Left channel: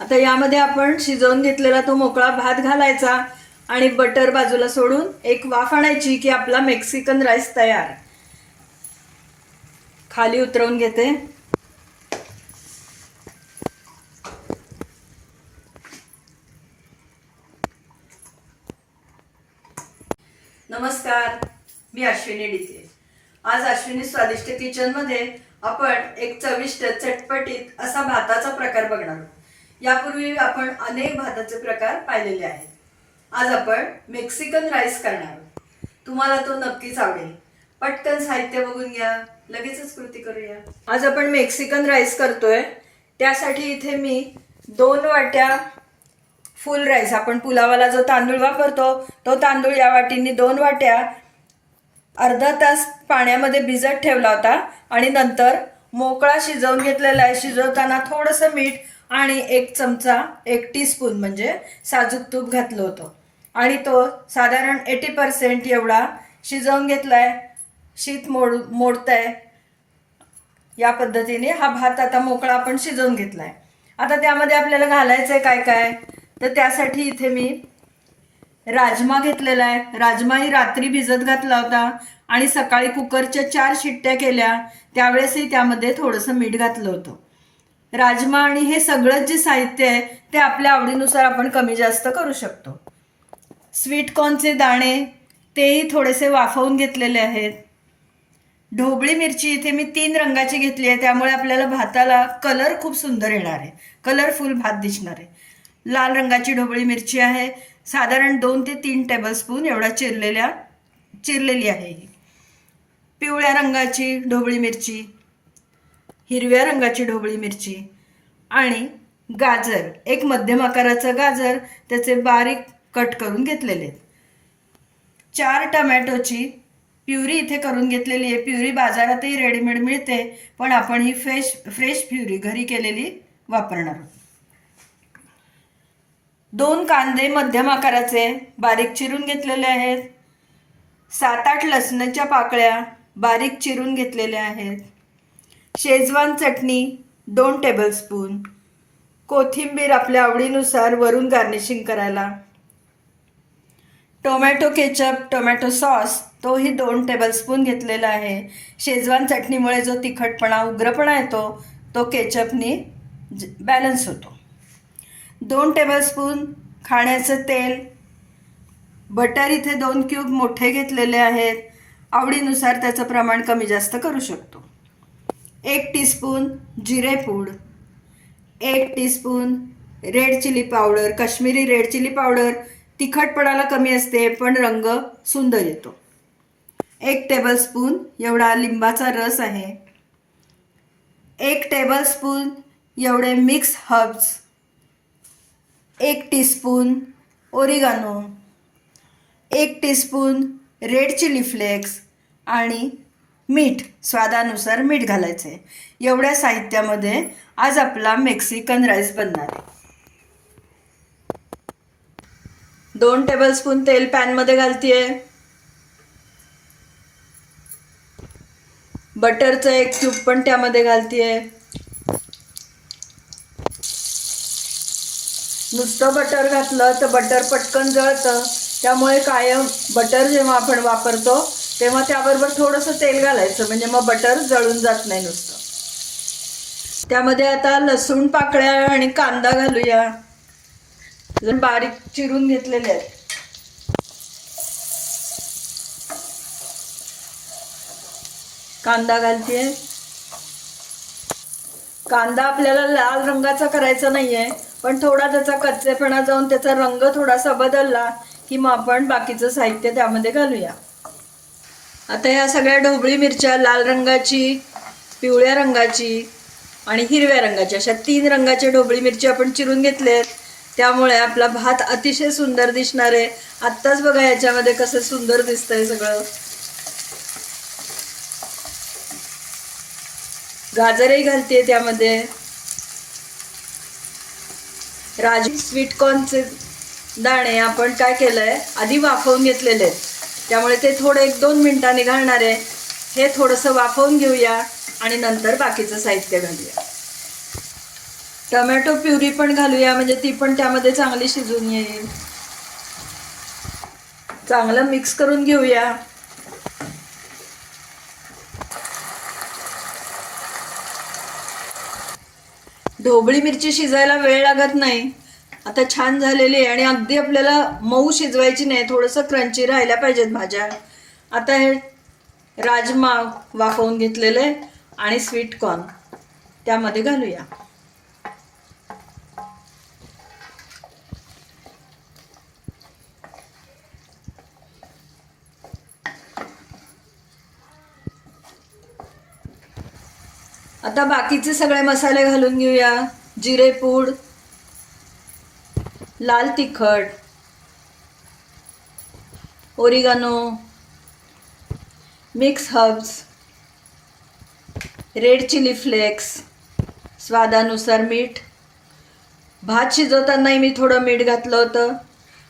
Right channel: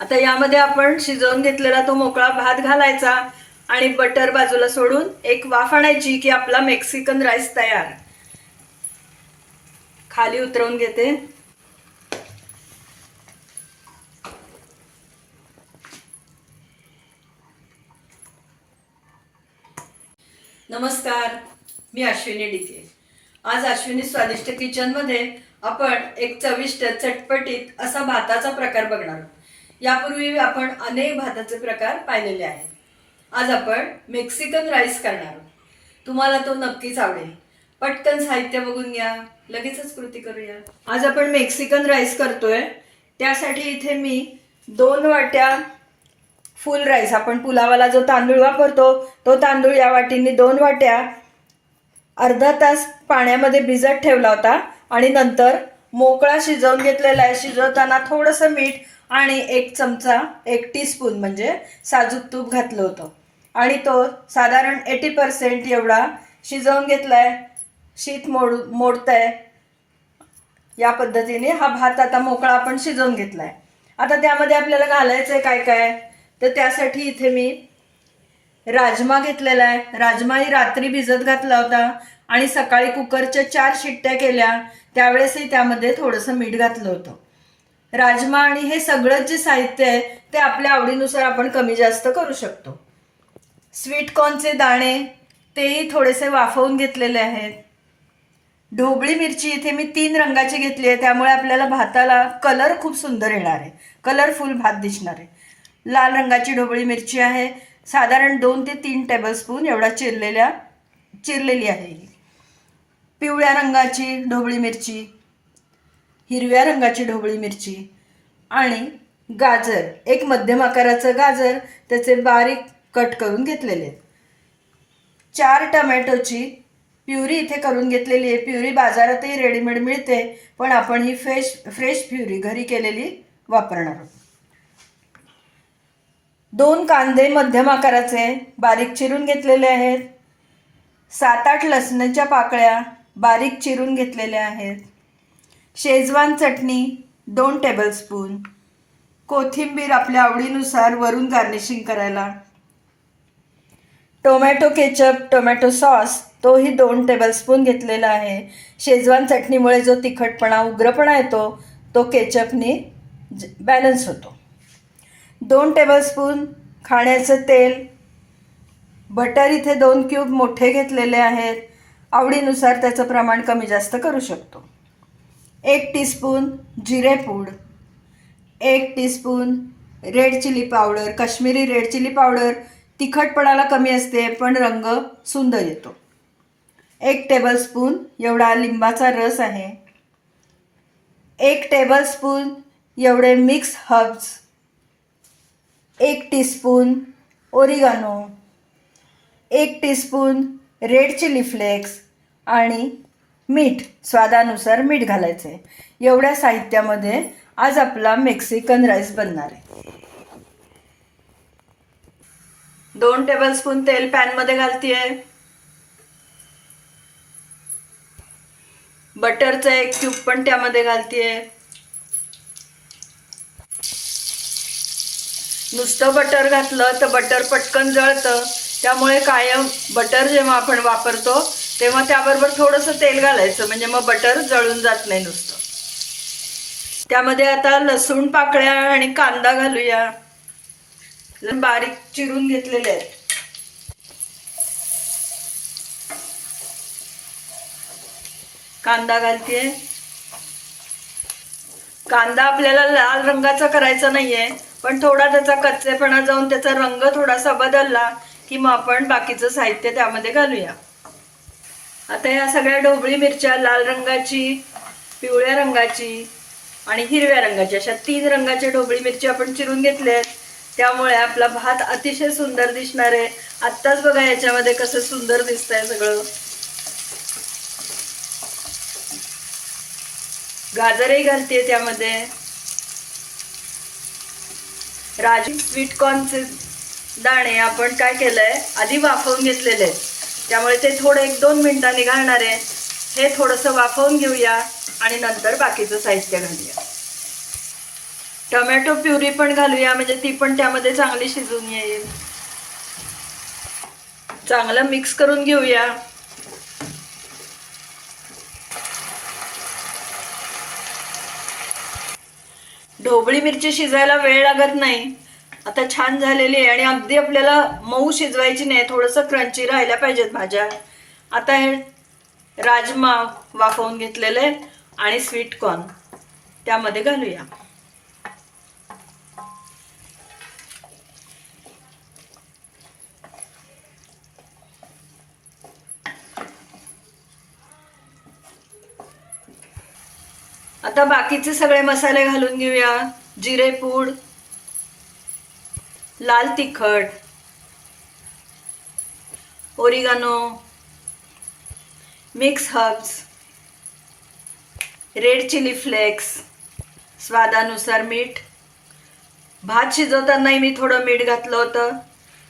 आता यामध्ये आपण शिजवून घेतलेला तो मोकळा भात घालायचा आणि बटर बाजूला सोडून एक वाफ आणायची की आपला मेक्सिकन राईस तयार. खाली उतरवून घेते. नमस्कार मी अश्विनी डिके आज अश्विनी स्वादिष्ट किचनमध्ये आपण एक चविष्ट चटपटीत असा भाताचा प्रकार बघणार आहोत. यापूर्वी आपण अनेक भाताचे प्रकार पाहिलेले आहेत. आज आपण मेक्सिकन राईस करणार आहोत. तुम्हाला तो नक्कीच आवडेल. पटकन साहित्य बघून घ्या. लगेचच कृती करूया. आज आपण मेक्सिकन राईस करतोय. त्यासाठी इथे मी दोन वाट्या फुल राईस आपण पुलावाला जो तांदूळ वापरतो तो तांदूळ या वाटींनी दोन वाट्या अर्धा तास पाण्यामध्ये भिजत ठेवला होता आणि नंतर मोकळा शिजवून घेतलेला आहे. शिजवताना थोडंसं मीठ आणि एक चमचा एक टीस्पून म्हणजे साजूक तूप घातलं होतं. आणि तो साधारण एटी पर्सेंट एवढा शिजवून घेतलाय शीत मोड मोडतंय. या पद्धतीने हा भात आता मोकळा आपण शिजवून घेतलाय. आता त्यामध्ये आपल्याला घालायचंय काय काय? तर त्यासाठी इथे मी राजमा घेतलेला आहे. राजमा ही रात्री भिजत घातला होता आणि सकाळी कुकरच्या चार शिट्ट्या केल्या. त्यावेळेसही त्यामध्ये थोडंसं मीठ घातलं होतं. राजमा आणि हे सगळंच जे साहित्य आहे ते आपल्या आवडीनुसार आपण कमी जास्त करू शकतो. स्वीटकॉर्नचे दाणे तेही थोडेसे वाफवून घेतलेले आहेत. ढोबळी मिरची इथे मी तीन रंगाची घेतली आहे त्यामुळे आपल्याला भाताला कलर खूप सुंदर येणार आहे. कलरफुल भात दिसणार आहे. लाल रंगाची ढोबळी मिरची आहे. साधारण दोन ते तीन टेबलस्पून एवढा चिरलेल्या चिरलेली आहे ही. पिवळ्या रंगाची ढोबळी मिरची हिरव्या रंगाची ढोबळी मिरची आणि गाजर. एक मध्यम आकाराचं गाजर त्याचे बारीक कट करून घेतलेले. आहेत चार टमॅटोची प्युरी इथे करून घेतलेली आहे. प्युरी बाजारातही रेडीमेड मिळते पण आपण ही फ्रेश फ्रेश प्युरी घरी केलेली वापरणार आहोत. दोन कांदे मध्यम आकाराचे बारीक चिरून घेतलेले आहेत. सात आठ लसणाच्या पाकळ्या बारीक चिरून घेतलेल्या आहेत. शेजवान चटणी दोन टेबलस्पून कोथिंबीर आपल्या आवडीनुसार वरून गार्निशिंग करायला. टोमॅटो केचप टोमॅटो सॉस तोही दोन टेबलस्पून घेतलेला आहे. शेजवान चटणीमुळे जो तिखटपणा उग्रपणा येतो तो केचपनी बॅलन्स होतो. दोन टेबलस्पून खाण्याचं तेल. बटर इथे दोन क्यूब मोठे घेतलेले आहेत. आवडीनुसार त्याचं प्रमाण कमी जास्त करू शकतो. एक टीस्पून जिरेपूड एक teaspoon red chilli powder Kashmiri red chilli powder तिखटपणाला कमी असते पण रंग सुंदर येतो. एक टेबलस्पून एवढा लिंबाचा रस आहे. एक टेबलस्पून एवढे मिक्स हर्ब्स एक टीस्पून ओरिगानो एक टीस्पून रेड चिली फ्लेक्स आणि मीठ स्वादानुसार मीठ घालायचं आहे एवढ्या साहित्यामध्ये आज आपला मेक्सिकन राईस बनणार आहे. दोन टेबलस्पून तेल पॅनमध्ये घालतीये. बटरचं एक क्यूब पण त्यामध्ये घालतीये. नुसतं बटर घातलं तर बटर पटकन जळतं. त्यामुळे कायम बटर जेव्हा आपण वापरतो तेव्हा त्याबरोबर थोडंसं तेल घालायचं म्हणजे मग बटर जळून जात नाही नुसतं. त्यामध्ये आता लसूण पाकळ्या आणि कांदा घालूया. बारीक चिरून घेतलेले आहेत. कांदा घालतीये. कांदा आपल्याला लाल रंगाचा करायचा नाहीये पण थोडा त्याचा कच्चेपणा जाऊन त्याचा रंग थोडासा बदलला की मग आपण बाकीचं साहित्य त्यामध्ये घालूया. आता या सगळ्या ढोबळी मिरच्या लाल रंगाची पिवळ्या रंगाची आणि हिरव्या रंगाची अशा तीन रंगाच्या ढोबळी मिरची आपण चिरून घेतले आहेत. त्यामुळे आपला भात अतिशय सुंदर दिसणार आहे. आत्ताच बघा याच्यामध्ये कसं सुंदर दिसतंय सगळं. गाजरही घालते त्यामध्ये. राजू स्वीटकॉर्नचे दाणे आपण काय केलंय? आधी वाफवून घेतलेले आहेत. त्यामुळे ते थोडं एक दोन मिनिटांनी घालणार आहे. हे थोडंसं वाफवून घेऊया आणि नंतर बाकीचं साहित्य घालूया. टोमॅटो प्युरी पण घालूया म्हणजे ती पण त्यामध्ये चांगली शिजून येईल. चांगलं मिक्स करून घेऊया. ढोबळी मिरची शिजायला वेळ लागत नाही. आता छान झालेली आहे आणि अगदी आपल्याला मऊ शिजवायची नाही थोडंसं क्रंची राहिल्या पाहिजेत भाज्या. आता हे राजमा वाफवून घेतलेले आणि स्वीट कॉर्न त्यामध्ये घालूया. आता बाकीचे सगळे मसाले घालून घेऊया. जिरे पूड लाल तिखट oregano mix herbs red chilli flakes स्वादानुसार मीठ. भात शिजवतानाही मी थोडं मीठ घातलं होतं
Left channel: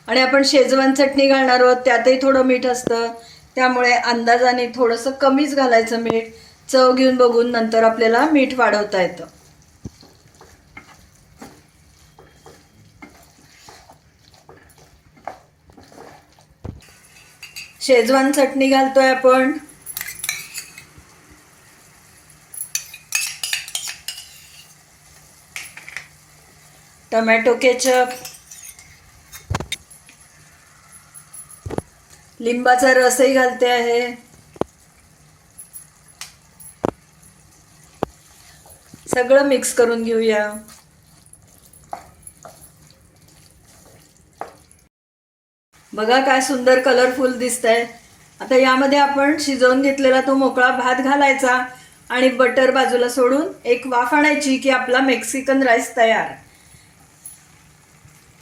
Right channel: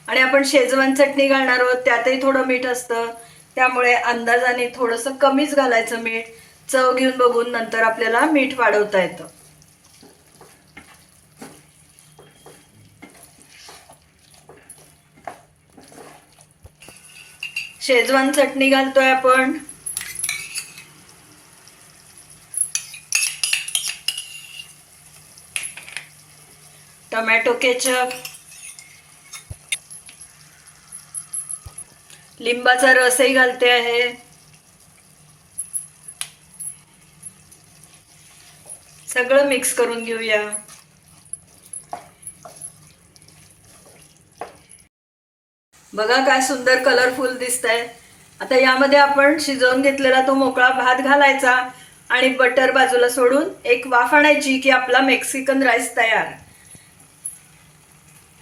आणि आपण शेजवान चटणी घालणार आहोत त्यातही थोडं मीठ असतं. त्यामुळे अंदाजाने थोडंसं कमीच घालायचं मीठ. चव घेऊन बघून नंतर आपल्याला मीठ वाढवता येतं. शेजवान चटणी घालतोय आपण. Tomato ketchup. लिंबाचा रसही घालते आहे. सगळं मिक्स करून घेऊया. बघा काय सुंदर कलरफुल दिसतंय. आता यामध्ये आपण शिजवून घेतलेला तो मोकळा भात घालायचा आणि बटर बाजूला सोडून एक वाफ आणायची की आपला मेक्सिकन राईस तयार.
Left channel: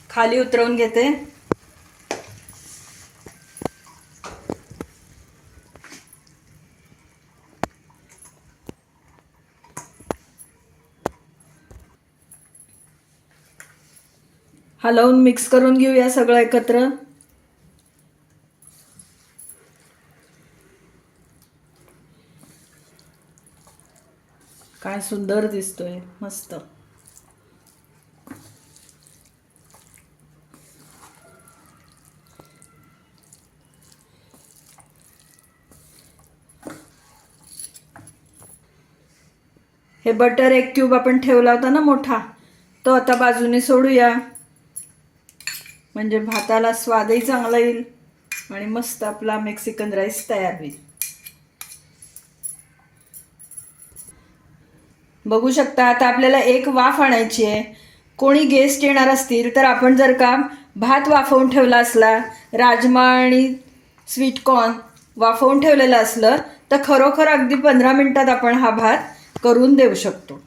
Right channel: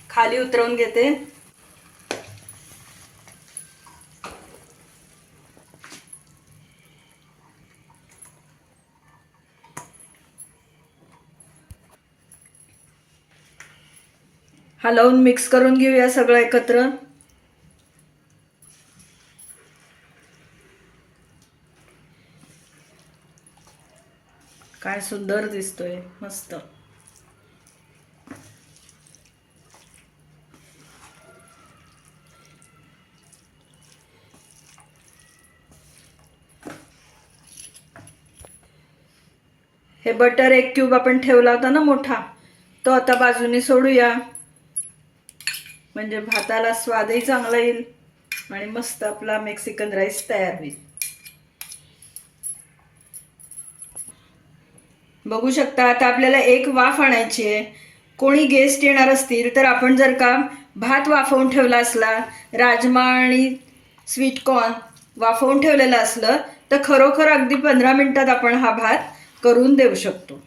खाली उतरवून घेते. हलवून मिक्स करून घेऊया सगळं एकत्र काय सुंदर दिसतोय मस्त. हे बटर एक क्यूब आपण ठेवला होता ना मोठा तो आता बाजूने सोडूया. म्हणजे भाताला स्वादही चांगला येईल आणि मस्त आपला मेक्सिकन राईस तयार होईल. बघू शकता आता आपल्याला एक वाफ आणायची आहे. कोणी गेस्ट येणार असतील तर आपण जर का भात वाफवून ठेवला असला राजमा आणि स्वीट कॉर्न वाफवून ठेवलेलं असलं तर खरोखर अगदी पंधरा मिनिटात आपण हा भात करून देऊ शकतो.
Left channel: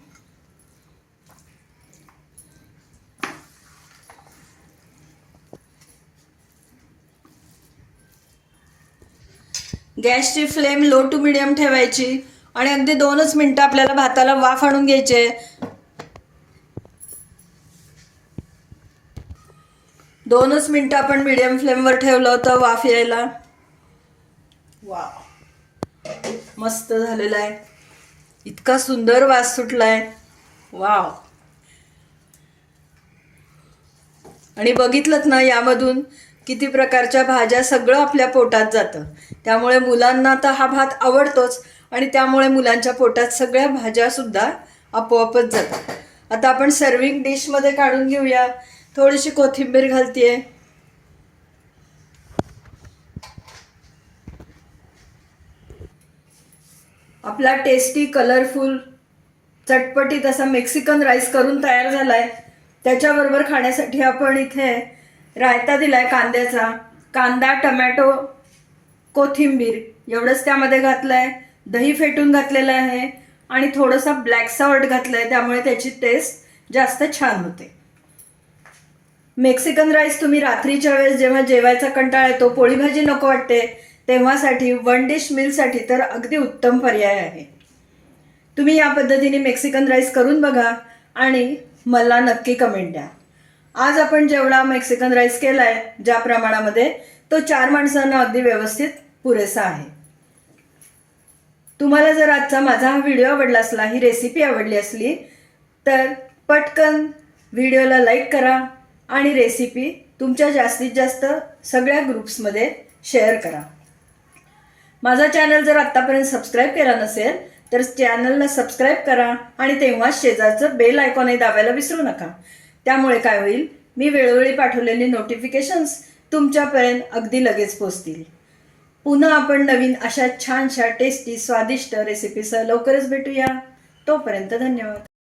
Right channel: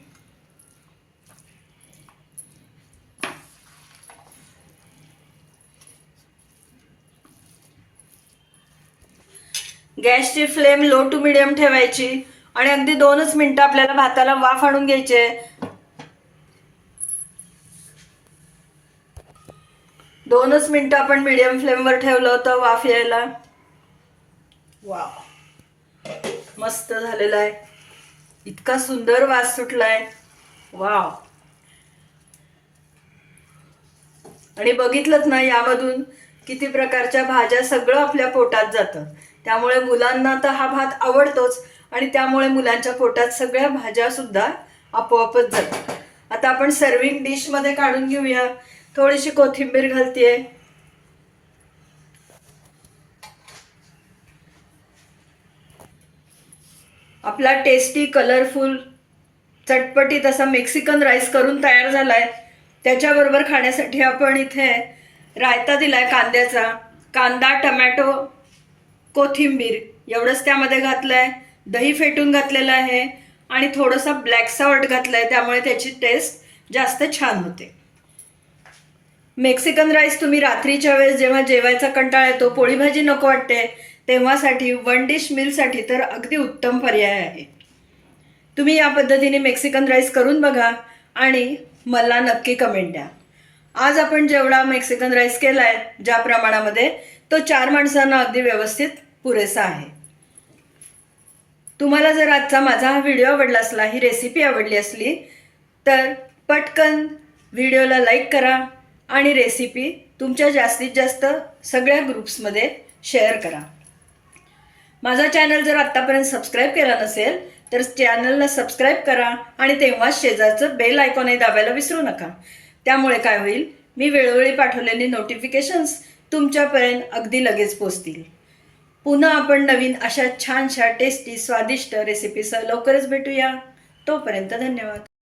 गॅसची फ्लेम लो टू मिडियम ठेवायची. आणि अगदी दोनच मिनटं आपल्याला भाताला वाफ आणून घ्यायचे. दोनच मिनटं आपण मिडियम फ्लेमवर ठेवलं होतं वाफ यायला. वा मस्त झालेलं आहे. इतका सुंदर वास सुटलाय. वाव. आणि बघितलं ना यामधून किती प्रकारच्या भाज्या सगळं आपल्या पोटात जातं. त्यामुळे मुलांना तर हा भात आवडतोच. आणि त्यामुळे मुलांच्या पोटात सगळ्या भाज्या सुद्धा आपोआपच जातात. आता आपण सर्विंग डिशमध्ये काढून घेऊया. थोडीशी कोथिंबीर घालतीये. आपला टेस्टी कलरफुल चटपटीत असा मेक्सिकन राईस करून तयार झालाय. त्याच्याबरोबर खाण्यासाठी आपण इथे रायता दिलाय कांद्याचा. कांदा टमॅटो कोथिंबीर एवढंच त्यामध्ये घातलंय. दही फेटून घातलेलं आहे आणि थोडंसं ब्लॅक सॉल्ट आहे त्यामुळे त्याची टेस्ट जास्त छान होते. मेक्सिकन राईस तुम्ही रात्रीच्या वेळेस जेव्हा जेवायचा कंटाळा येतो पोळी भाजी नको वाटते तेव्हासाठी वन डिश मिलसाठी तर अगदी उत्तम पर्याय आहे. तुम्ही या पद्धतीने मेक्सिकन राईस करून बघा आणि मला नक्की कमेंट द्या. आज आपण जेवढा मेक्सिकन राईस केला आहे ज्या प्रमाणामध्ये तो चार माणसांना अगदी व्यवस्थित पुरेसा आहे. तुम्हाला जर आजचा माझा हा व्हिडिओ आवडला असला ही रेसिपी आवडली असली तर पटकन व्हिडिओला लाईक करा आणि रेसिपी तुमच्या जास्तीत जास्त सगळ्या ग्रुप्समध्ये शेअर करा. माझा चॅनल जर आत्तापर्यंत सबस्क्राईब केला नसेल तर चॅनलला सबस्क्राईब करा आणि तेव्हाच शेजारचं बेल आयकॉनही दाबायला विसरू नका. त्यामुळे काय होईल? मी वेळोवेळी पाठवलेली नोटिफिकेशन्स तुमच्यापर्यंत अगदी लगेच पोचतील. पुन्हा आपण नवीन अशा छानशा टेस्टी स्वादिष्ट रेसिपीसह लवकरच भेटूया. तोपर्यंत धन्यवाद.